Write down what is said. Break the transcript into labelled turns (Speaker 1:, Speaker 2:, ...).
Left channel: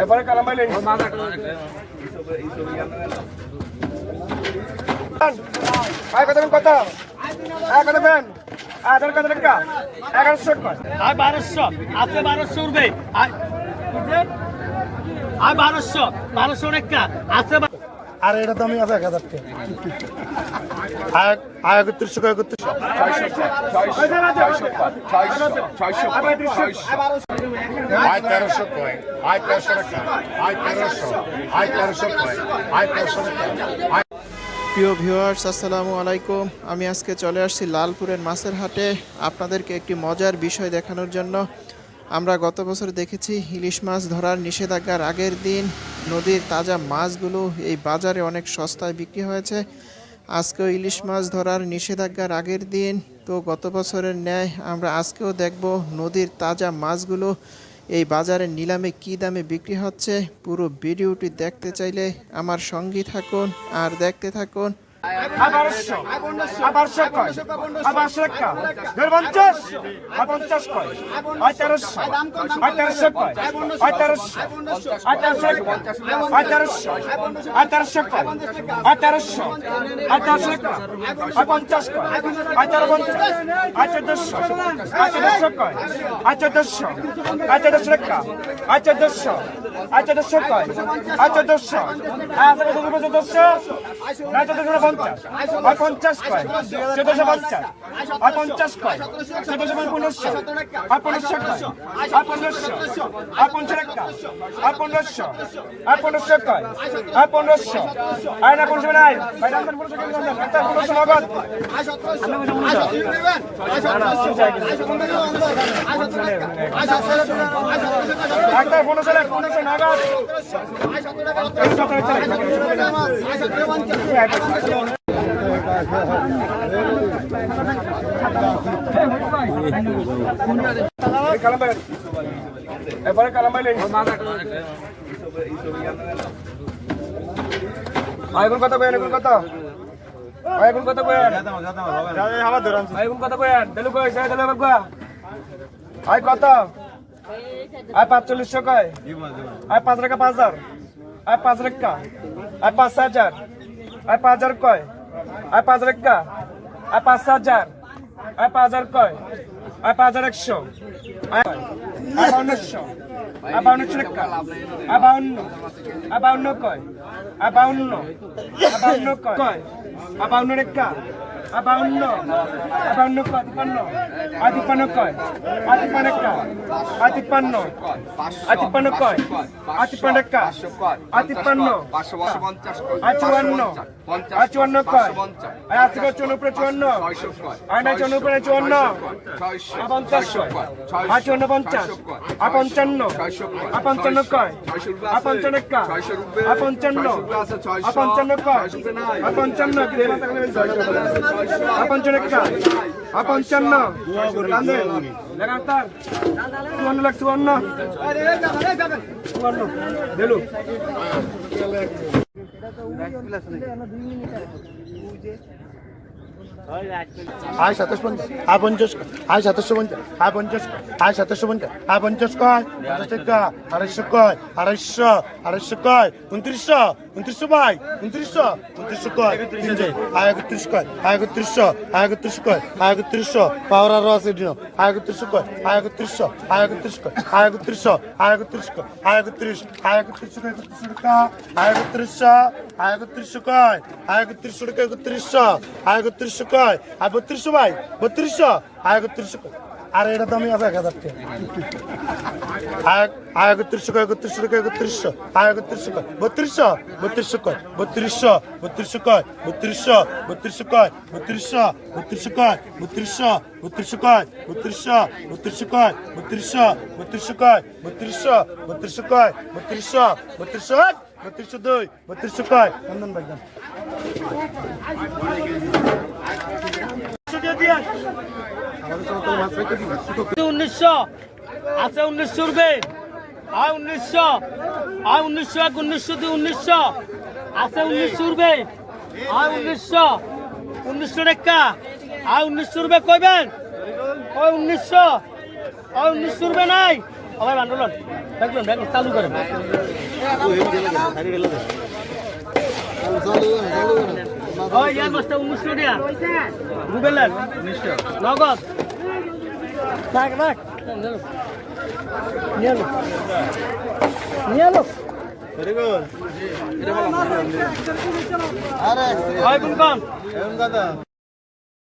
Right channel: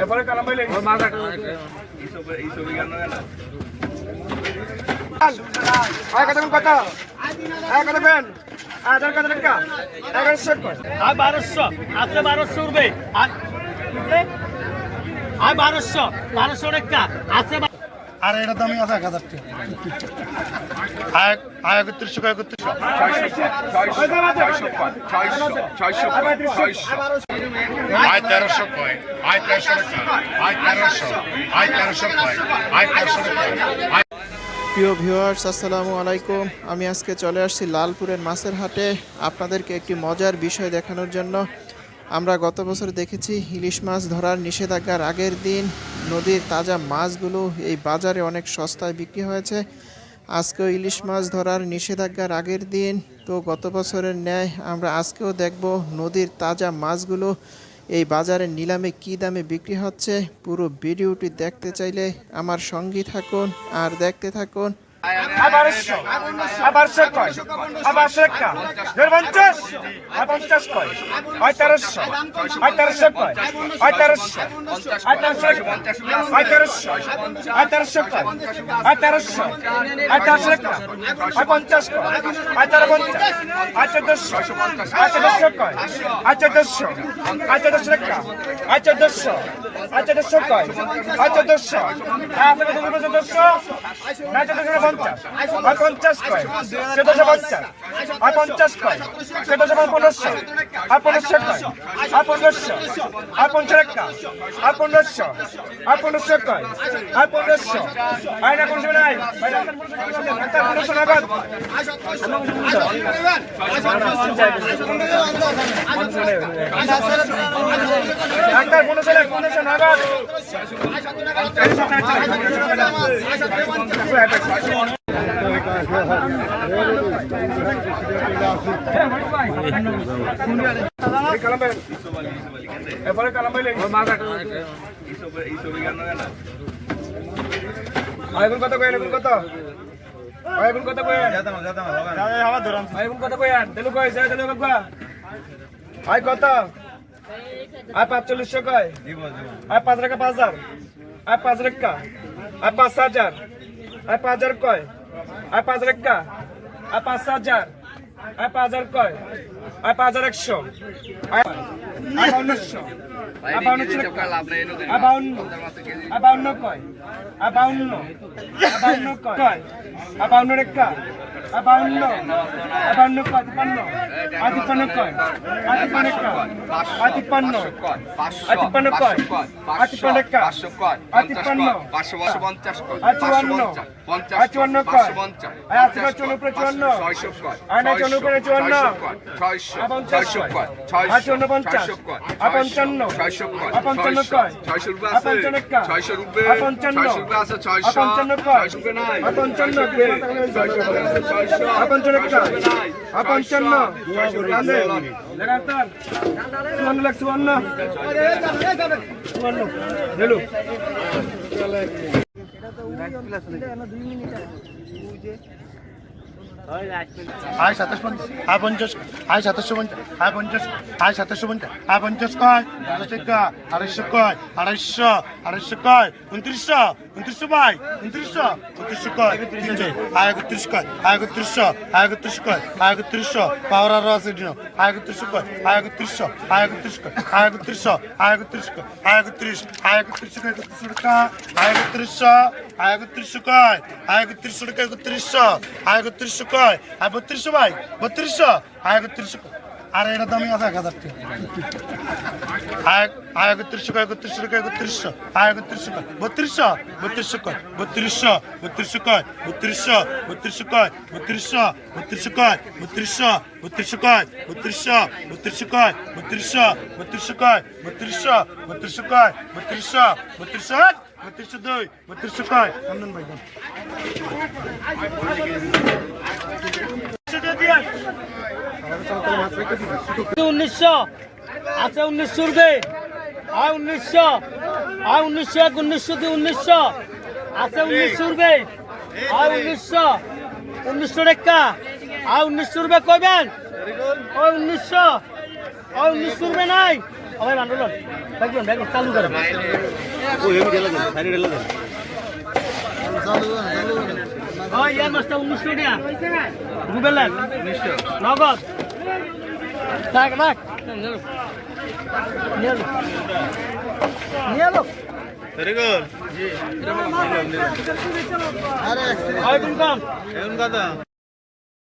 Speaker 1: এরপরে কালাম ভাই কথা আধার এগারোশো
Speaker 2: আর বারোশো। আছে বারোশো উঠবে আর বারোশো। বারোশো লেখা আছে
Speaker 3: আর এটা দামি আছে এক হাজার টাকা। আয় আয় একত্রিশশো কয় একত্রিশশো।
Speaker 4: আয় তেরোশো কয় আয় তেরোশো আয় তেরোশো আয় তেরোশো কয় আয় তেরোশো আয়
Speaker 5: প্রিয় ভিউয়ার্স আসসালামু আলাইকুম। আমি আজকে চলে আসছি লালপুরের মাছের হাটে। আপনাদেরকে একটি মজার বিষয় দেখানোর জন্য। আমরা গত বছর দেখেছি ইলিশ মাছ ধরার নিষেধাজ্ঞার আগের দিন। নদীর তাজা মাছগুলো এই বাজারে অনেক সস্তায় বিক্রি হয়েছে। আজকেও ইলিশ মাছ ধরার নিষেধাজ্ঞার আগের দিন। তো গত বছরের ন্যায় আমরা আজকেও দেখব নদীর তাজা মাছগুলো এই বাজারে নিলামে কি দামে বিক্রি হচ্ছে। পুরো ভিডিওটি দেখতে চাইলে আমার সঙ্গী থাকুন আর দেখতে থাকুন
Speaker 1: আবারশো আবারশো কয় আবারশো একটা দেড় পঞ্চাশ আর পঞ্চাশ কয় পঁয়তাল্লিশশো পঁয়তাল্লিশশো কয় পঁয়তাল্লিশশো পঁয়তাল্লিশশো পঁয়তাল্লিশশো পঁয়তাল্লিশশো কয় পঁয়তাল্লিশশো পঁয়তাল্লিশশো একটা পঞ্চাশ কয় পঁয়তাল্লিশ পঞ্চাশ আচ্ছা দেড়শো আচ্ছা দেড়শো কয় আচ্ছা দেড়শো আচ্ছা দেড়শো একটা আচ্ছা আচ্ছা আচ্ছা আচ্ছা আচ্ছা পঞ্চাশ আর পঞ্চাশ কয় চোদ্দশো পঞ্চাশ আর পঞ্চাশ কয় চোদ্দশো পনেরোশো আর পনেরোশো কয় আর পনেরোশো আর পঞ্চাশ একটা আর পনেরোশো আর পনেরোশো কয় আর পনেরোশো আর না পনেরোশো নাই পনেরোশো নগদ একটা পনেরোশো পনেরোশো নগদ এরপরে কালামাইলে আইগুন কত কয়েন আইগুন কত? আইগুন কত কয়েন আইগুন কত কয়েন দেলু কয় যায় দেলু বাবা আই কত? আই পাঁচচল্লিশশো কয়? আই পাঁচ রেখা পাঁচ হাজার? আই পাঁচ রেখা? আই পাঁচ হাজার? আই পাঁচ হাজার কয়? আর পাঁচ হাজার একটা? আর পাঁচ হাজার? আর পাঁচ হাজার কয়? আর পাঁচ হাজার একশো? আর কয় আর বাউন্নশো কয় আর বাউন্ন? আর বাউন্ন কয়? আর বাউন্ন? আর বাউন্ন কয়? আর বাউন্ন কয় আর বাউন্ন? আর বাউন্ন কয়? তিপ্পান্ন আতিপান্ন কয় আতিপান্ন কয় আতিপান্ন আতিপান্ন কয় আতিপান্ন কয় আতিপান্ন পাঁচশো পঞ্চাশ আচুয়ান্ন আচুয়ান্ন কয় আশিবার চৌনপুরে চুয়ান্ন আয়না চৌনপুরে চুয়ান্ন পঞ্চাশ আচুয়ান্ন পঞ্চাশ আপঞ্চান্ন আপঞ্চান্ন কয় लगातार सुवर्ण लक्ष्य सुवर्ण हेलो हाय
Speaker 3: सतोष पंचाश हाय पंचाश हाय सतोष पंचाश हाय पंचाश हाय सतोष पंचाश हाय पंचाश काय अडीचशे काय अडीचशे काय अडीचशे अडीचशे काय उनतीसशे উনত্রিশশো ভাই, উনত্রিশশো। উনত্রিশশো কয়? তিনশো আয় একত্রিশ কয়? আয় একত্রিশশো। আয় একত্রিশ কয়? আয় একত্রিশশো। পাওয়ার আরও আছে দিন আয় একত্রিশশো কয়? আয় একত্রিশশো। আয় একত্রিশ কয়? আয় একত্রিশশো। আয় একত্রিশ কয়? আয় একত্রিশ। আয় একত্রিশশো কয় একত্রিশশো টাকা? আয় একত্রিশশো। আয় একত্রিশশো কয়? আয় একত্রিশশো টাকা একত্রিশশো। আয় একত্রিশশো কয়? আয় বত্রিশশো ভাই, বত্রিশশো। আয় একত্রিশশো আর এটা দামি আছে এক হাজার টাকা। আয় একত্রিশশো কয়, একত্রিশশো একত্রিশশো? আয় একত্রিশশো কয়, বত্রিশশো? বত্রিশশো কয়, বত্রিশশো? বত্রিশশো কয়, বত্রিশশো? বত্রিশশো কয়, বত্রিশশো? বত্রিশশো কয়, বত্রিশশো? বত্রিশশো কয়, বত্রিশশো? বত্রিশশো কয়, বত্রিশশো? বত্রিশশো কয়, বত্রিশশো? বত্রিশশো কয়, বত্রিশশো? বত্রিশশো বত্রিশশো দুই, বত্রিশশো কয়। নন্দন বাগান
Speaker 2: উনিশশো। আছে উনিশশো উঠবে আর উনিশশো। আর উনিশশো এক, উনিশশো দুই, উনিশশো। আছে উনিশশো উঠবে আর উনিশশো। উনিশশো টাকা আর উনিশশো উঠবে কইবেন? ওই উনিশশো। ওই উনিশশো উঠবে নাই। সবাই বান্ডল দেখবেন চালু করেন। ইয়ার মাছটা উনিশশো টাকা বুঝলেন নগদ। রাখ রাখ। নিয়ে নিয়ে এলো হয় কোন কম